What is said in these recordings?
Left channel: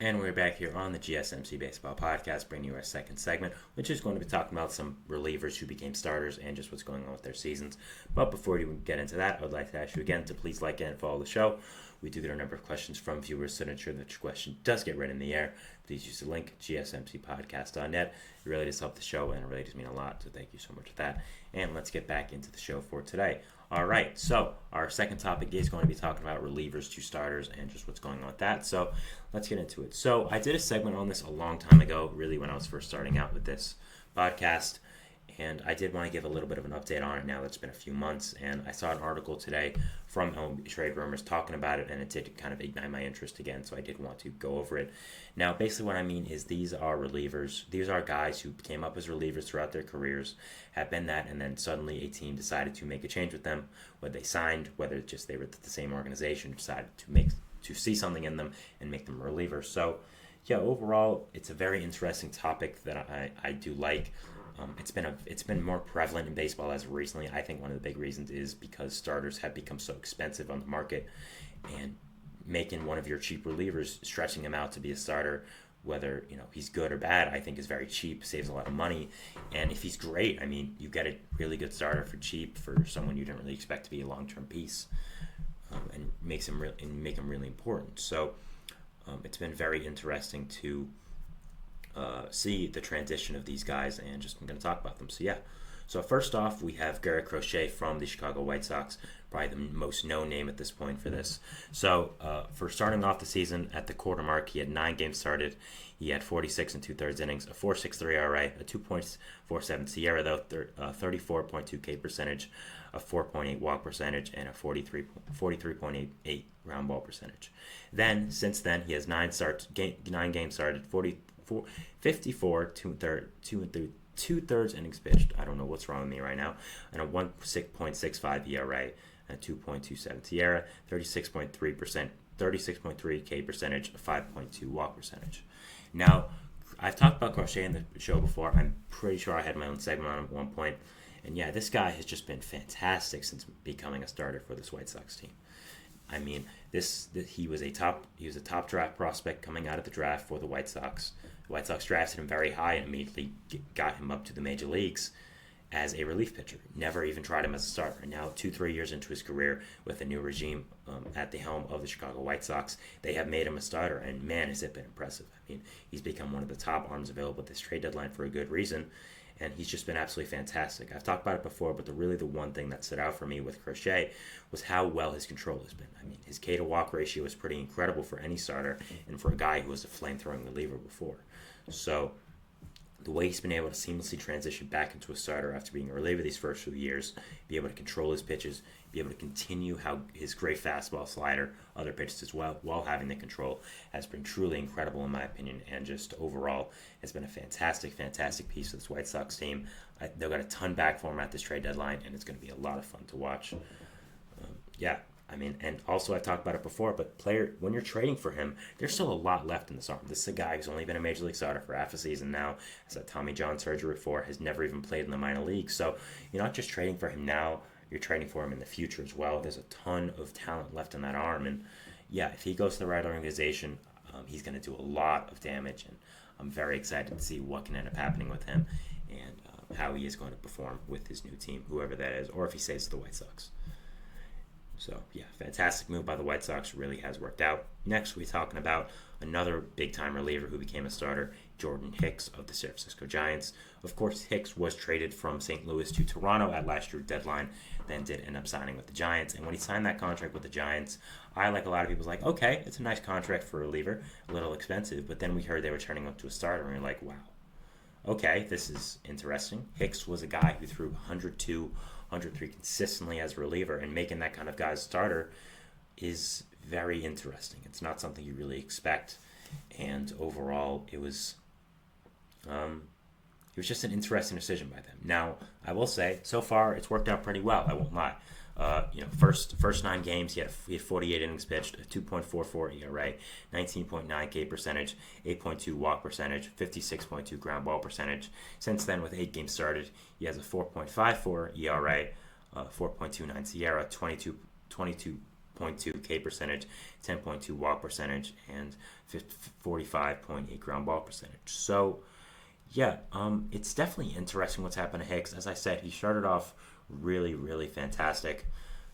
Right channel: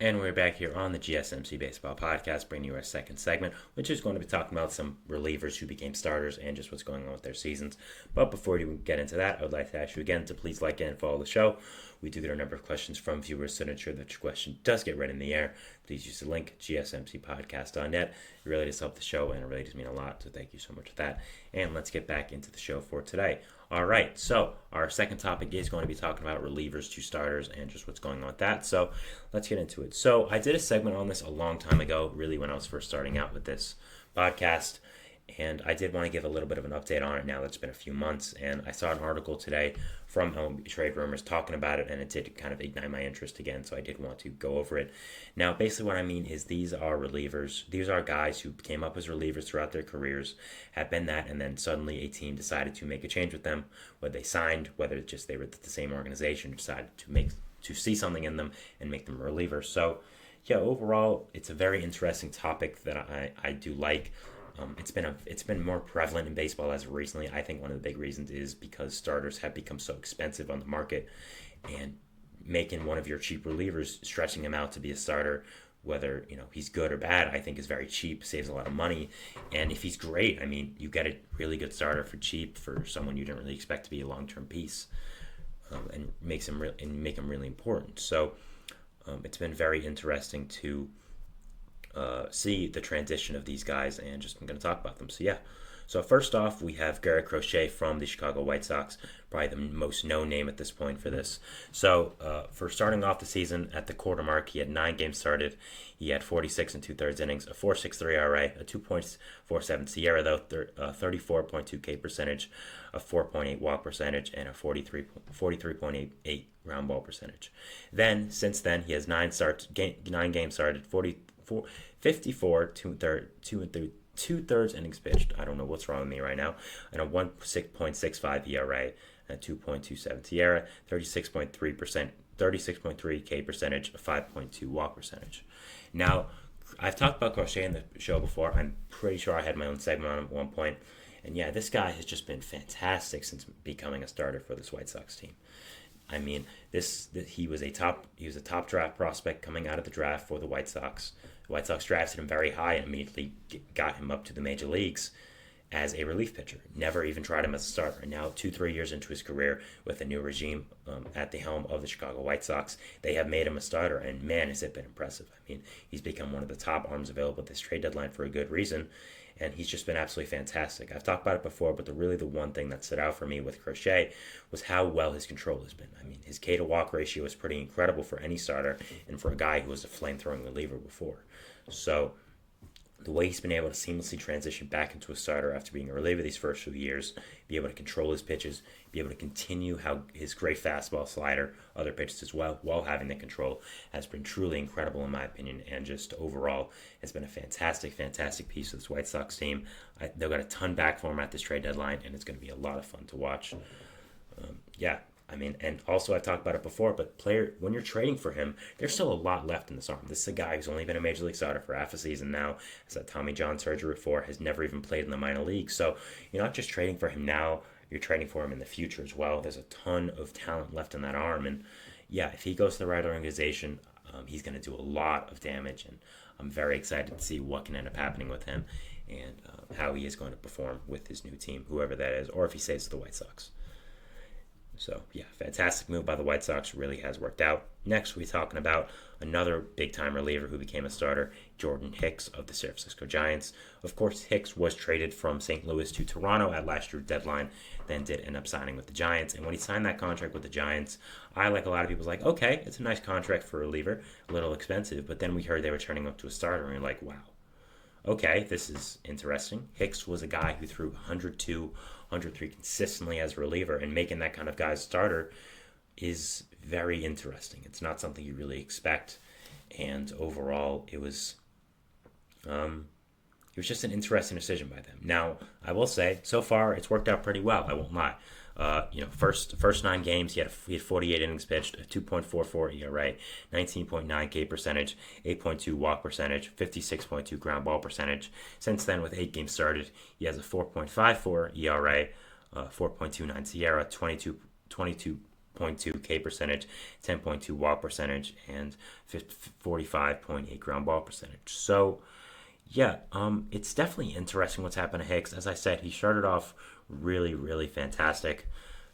And we're back here on the GSMC Baseball Podcast, bringing you our second segment, which is going to be talking about some relievers who became starters and just what's going on with their seasons. But before we get into that, I would like to ask you again to please like and follow the show. We do get a number of questions from viewers, so to ensure that your question does get read in the air, please use the link, gsmcpodcast.net. It really does help the show, and it really does mean a lot, so thank you so much for that. And let's get back into the show for today. All right, so our second topic is going to be talking about relievers to starters and just what's going on with that. So let's get into it. So I did a segment on this a long time ago, really when I was first starting out with this podcast, and I did want to give a little bit of an update on it now that it's been a few months. And I saw an article today from Trade Rumors talking about it, and it did kind of ignite my interest again, so I did want to go over it. Now, basically what I mean is these are relievers. These are guys who came up as relievers throughout their careers, have been that, and then suddenly a team decided to make a change with them, whether they signed, whether it's just they were at the same organization, decided to see something in them and make them relievers. So, yeah, overall, it's a very interesting topic that I do like. It's been more prevalent in baseball as of recently. I think one of the big reasons is because starters have become so expensive on the market, and making one of your cheap relievers, stretching him out to be a starter, whether he's good or bad, I think is very cheap, saves a lot of money. And if he's great, I mean, you get a really good starter for cheap for someone you didn't really expect to be a long-term piece, and make him really important. So it's been very interesting to see the transition of these guys, and just I'm going to talk about them. So yeah, so first off, we have Garrett Crochet from the Chicago White Sox, probably the most known name at this point for this. So for starting off the season at the quarter mark, he had 9 games started. He had 46 and 2/3 innings, a 4.63 ERA, a 2.47 SIERA, though, 34.2 K percentage, a 4.8 walk percentage, and a 43.88 ground ball percentage. Then, since then, he has 9 games started, 54 2/3 innings pitched. I don't know what's wrong with me right now. And a 1.65 ERA, a 2.27 SIERA, 36.3 K percentage, a 5.2 walk percentage. Now, I've talked about Crochet in the show before. I'm pretty sure I had my own segment on him at one point. And yeah, this guy has just been fantastic since becoming a starter for this White Sox team. I mean, he was a top draft prospect coming out of the draft for the White Sox. The White Sox drafted him very high and immediately got him up to the major leagues as a relief pitcher. Never even tried him as a starter. And now, 2-3 years into his career with a new regime at the helm of the Chicago White Sox, they have made him a starter. And man, has it been impressive. I mean, he's become one of the top arms available at this trade deadline for a good reason. And he's just been absolutely fantastic. I've talked about it before, but the one thing that stood out for me with Crochet was how well his control has been. I mean, his K to walk ratio is pretty incredible for any starter, and for a guy who was a flame-throwing reliever before. So the way he's been able to seamlessly transition back into a starter after being a reliever these first few years, be able to control his pitches, be able to continue how his great fastball, slider, other pitches as well, while having the control, has been truly incredible in my opinion. And just overall, it's been a fantastic piece of this White Sox team. They've got a ton back for him at this trade deadline, and it's going to be a lot of fun to watch. Yeah, I mean, and also I've talked about it before, but when you're trading for him, there's still a lot left in this arm. This is a guy who's only been a major league starter for half a season now, has had Tommy John surgery before, has never even played in the minor leagues. So you're not just trading for him now, you're trading for him in the future as well. There's a ton of talent left in that arm, and yeah, if he goes to the right organization, he's going to do a lot of damage, and I'm very excited to see what can end up happening with him, and how he is going to perform with his new team, whoever that is, or if he stays to the White Sox. So, yeah, fantastic move by the White Sox. Really has worked out. Next, we're talking about another big-time reliever who became a starter, Jordan Hicks of the San Francisco Giants. Of course, Hicks was traded from St. Louis to Toronto at last year's deadline, then did end up signing with the Giants. And when he signed that contract with the Giants, I, like a lot of people, was like, okay, it's a nice contract for a reliever, a little expensive. But then we heard they were turning up to a starter, and we are like, wow. Okay, this is interesting. Hicks was a guy who threw 102, 103 consistently as a reliever, and making that kind of guy a starter is very interesting. It's not something you really expect, and overall, it was just an interesting decision by them. Now, I will say, so far, it's worked out pretty well. I won't lie. First 9 games, he had 48 innings pitched, a 2.44 ERA, 19.9 K percentage, 8.2 walk percentage, 56.2 ground ball percentage. Since then, with 8 games started, he has a 4.54 ERA, 4.29 SIERA, 22 10.2 K percentage, 10.2 walk percentage, and 45.8 ground ball percentage. So, yeah, it's definitely interesting what's happened to Hicks. As I said, he started off really, really fantastic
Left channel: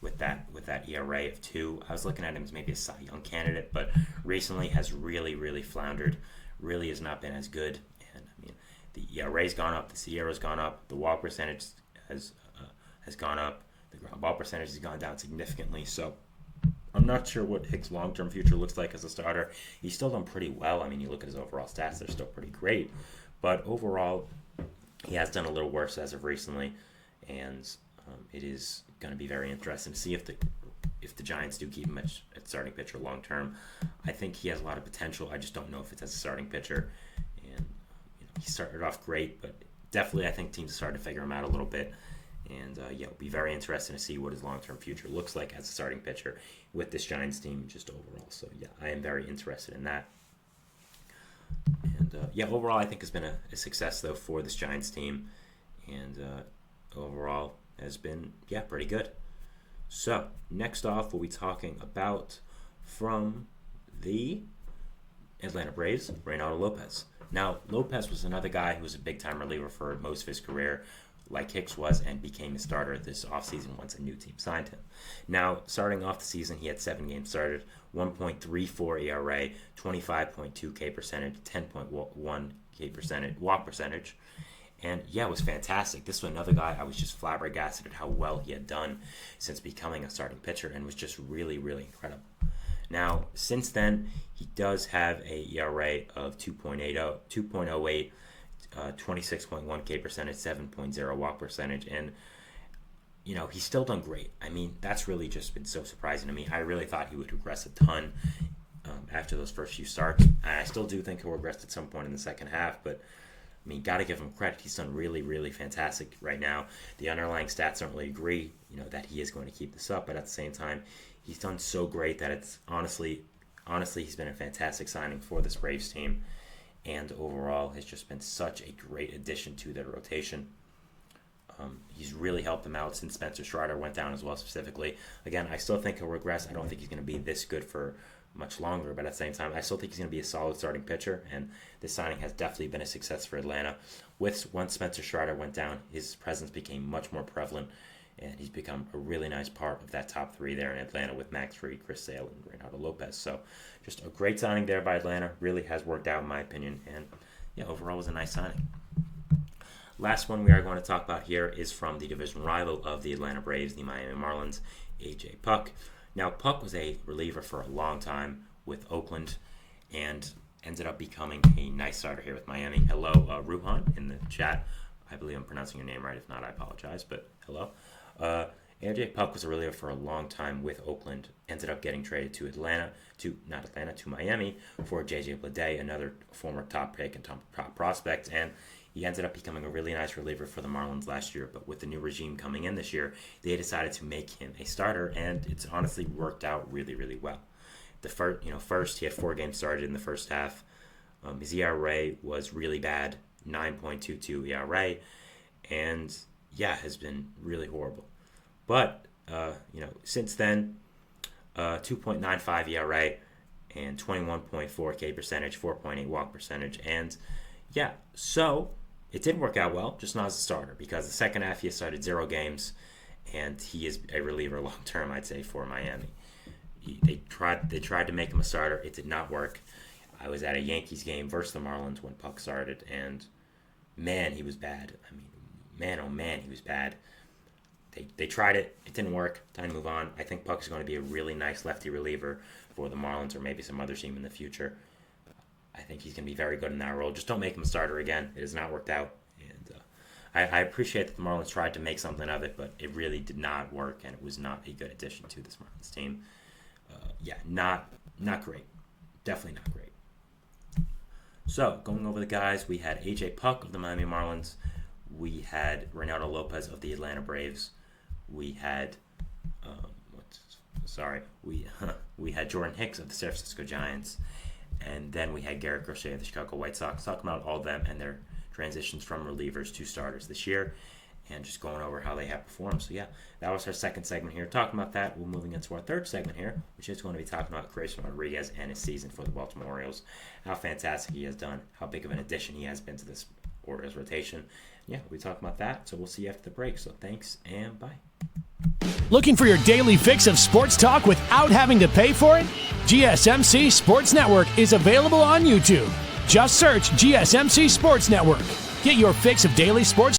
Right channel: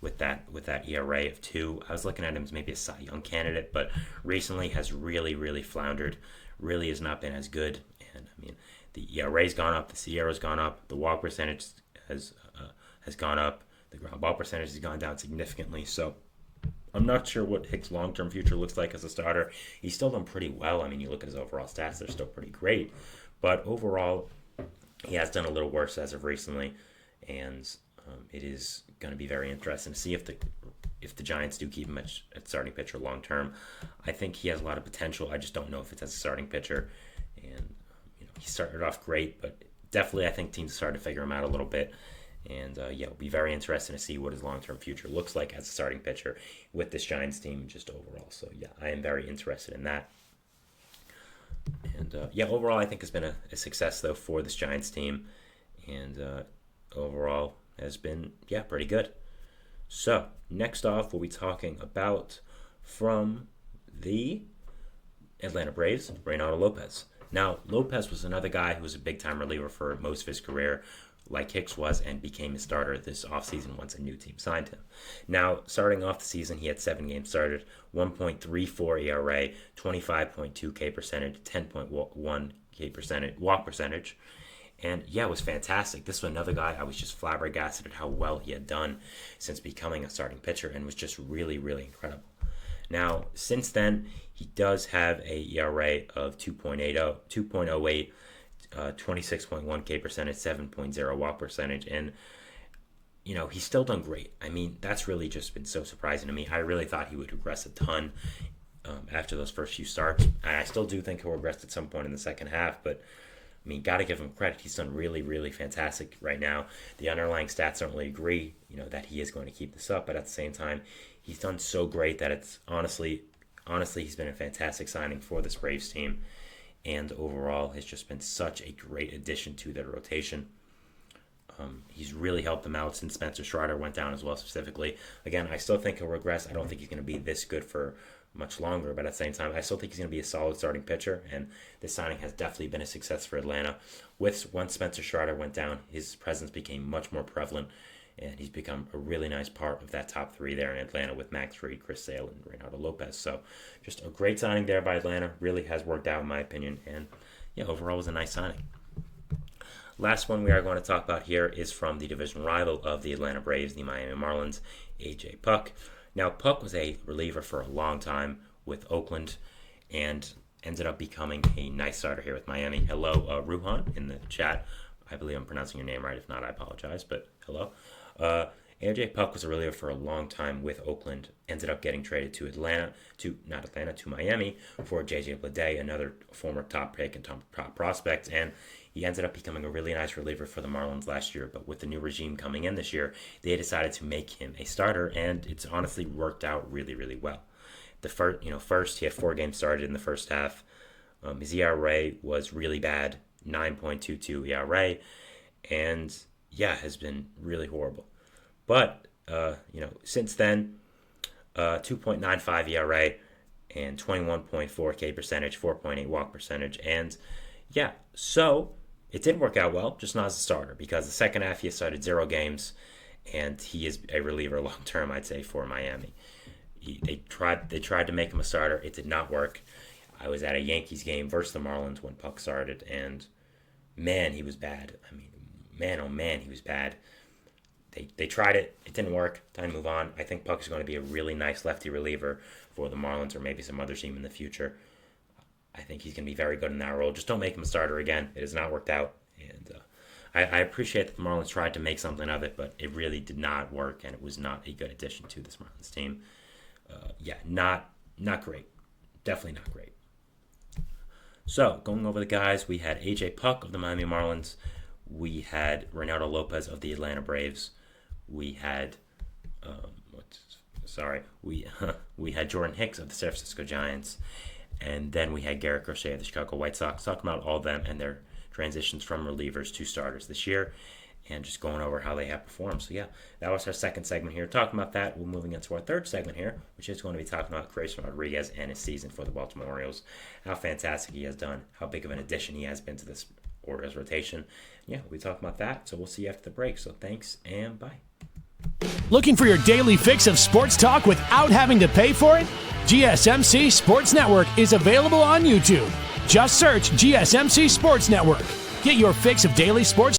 with that ERA of 2. I was looking at him as maybe a Cy Young candidate, but recently has really, really floundered. Really has not been as good. And I mean, the ERA's gone up, the SIERA's gone up, the walk percentage has gone up, the ground ball percentage has gone down significantly. So I'm not sure what Hicks' long-term future looks like as a starter. He's still done pretty well. I mean, you look at his overall stats; they're still pretty great. But overall, he has done a little worse as of recently, and it is going to be very interesting to see if the Giants do keep him at starting pitcher long term. I think he has a lot of potential. I just don't know if it's as a starting pitcher. And he started off great, but definitely I think teams started to figure him out a little bit. And it'll be very interesting to see what his long-term future looks like as a starting pitcher with this Giants team just overall. So yeah, I am very interested in that. And overall I think it's been a success though for this Giants team, and overall has been pretty good. So next off, we'll be talking about from the Atlanta Braves, Reynaldo Lopez. Now, Lopez was another guy who was a big-time reliever for most of his career, like Hicks was, and became a starter this offseason once a new team signed him. Now, starting off the season, he had 7 games started, 1.34 ERA, 25.2 K percentage, 10.1 K percentage, walk percentage. And it was fantastic. This was another guy I was just flabbergasted at how well he had done since becoming a starting pitcher, and was just really, really incredible. Now, since then, he does have a ERA of 2.08, 26.1 K percentage, 7.0 walk percentage, and he's still done great. I mean, that's really just been so surprising to me. I really thought he would regress a ton after those first few starts. I still do think he'll regress at some point in the second half, but I mean, got to give him credit. He's done really, really fantastic right now. The underlying stats don't really agree, that he is going to keep this up, but at the same time, he's done so great that it's honestly, he's been a fantastic signing for this Braves team, and overall has just been such a great addition to their rotation. He's really helped them out since Spencer Strider went down as well, specifically. Again, I still think he'll regress. I don't think he's going to be this good for much longer, but at the same time, I still think he's going to be a solid starting pitcher, and this signing has definitely been a success for Atlanta. Once Spencer Strider went down, his presence became much more prevalent, and he's become a really nice part of that top 3 there in Atlanta with Max Fried, Chris Sale, and Reynaldo Lopez. So just a great signing there by Atlanta. Really has worked out in my opinion, and overall was a nice signing. Last one we are going to talk about here is from the division rival of the Atlanta Braves, the Miami Marlins, A.J. Puk. Now, Puk was a reliever for a long time with Oakland and ended up becoming a nice starter here with Miami. Hello, Ruhan in the chat. I believe I'm pronouncing your name right. If not, I apologize, but hello. A.J. Puk was a reliever for a long time with Oakland. Ended up getting traded to Miami for J.J. Bleday, another former top pick and top prospect, and he ended up becoming a really nice reliever for the Marlins last year. But with the new regime coming in this year, they decided to make him a starter, and it's honestly worked out really, really well. First he had 4 games started in the first half. His ERA was really bad, 9.22 ERA, and has been really horrible. But since then, 2.95 ERA and 21.4 K percentage, 4.8 walk percentage, and so it did work out well, just not as a starter, because the second half he started 0 games, and he is a reliever long term, I'd say, for Miami. They tried to make him a starter. It did not work. I was at a Yankees game versus the Marlins when Puk started, and man, he was bad. I mean, man, oh man, he was bad. They tried it. It didn't work. Time to move on. I think Puk is going to be a really nice lefty reliever for the Marlins or maybe some other team in the future. I think he's going to be very good in that role. Just don't make him a starter again. It has not worked out. And I appreciate that the Marlins tried to make something of it, but it really did not work, and it was not a good addition to this Marlins team. Not great. Definitely not great. So, going over the guys, we had A.J. Puk of the Miami Marlins. We had Reynaldo Lopez of the Atlanta Braves. We had we had Jordan Hicks of the San Francisco Giants, and then we had Garrett Crochet of the Chicago White Sox. Talking about all of them and their transitions from relievers to starters this year. and just going over how they have performed. So yeah, that was our second segment here. Talking about that, we're moving into our third segment here, which is going to be talking about Grayson Rodriguez and his season for the Baltimore Orioles. How fantastic he has done, how big of an addition he has been to this Orioles rotation. Yeah, we'll be talking about that. So we'll see you after the break. So thanks and bye. Looking for your daily fix of sports talk without having to pay for it? GSMC Sports Network is available on YouTube. Just search GSMC Sports Network. Get your fix of daily sports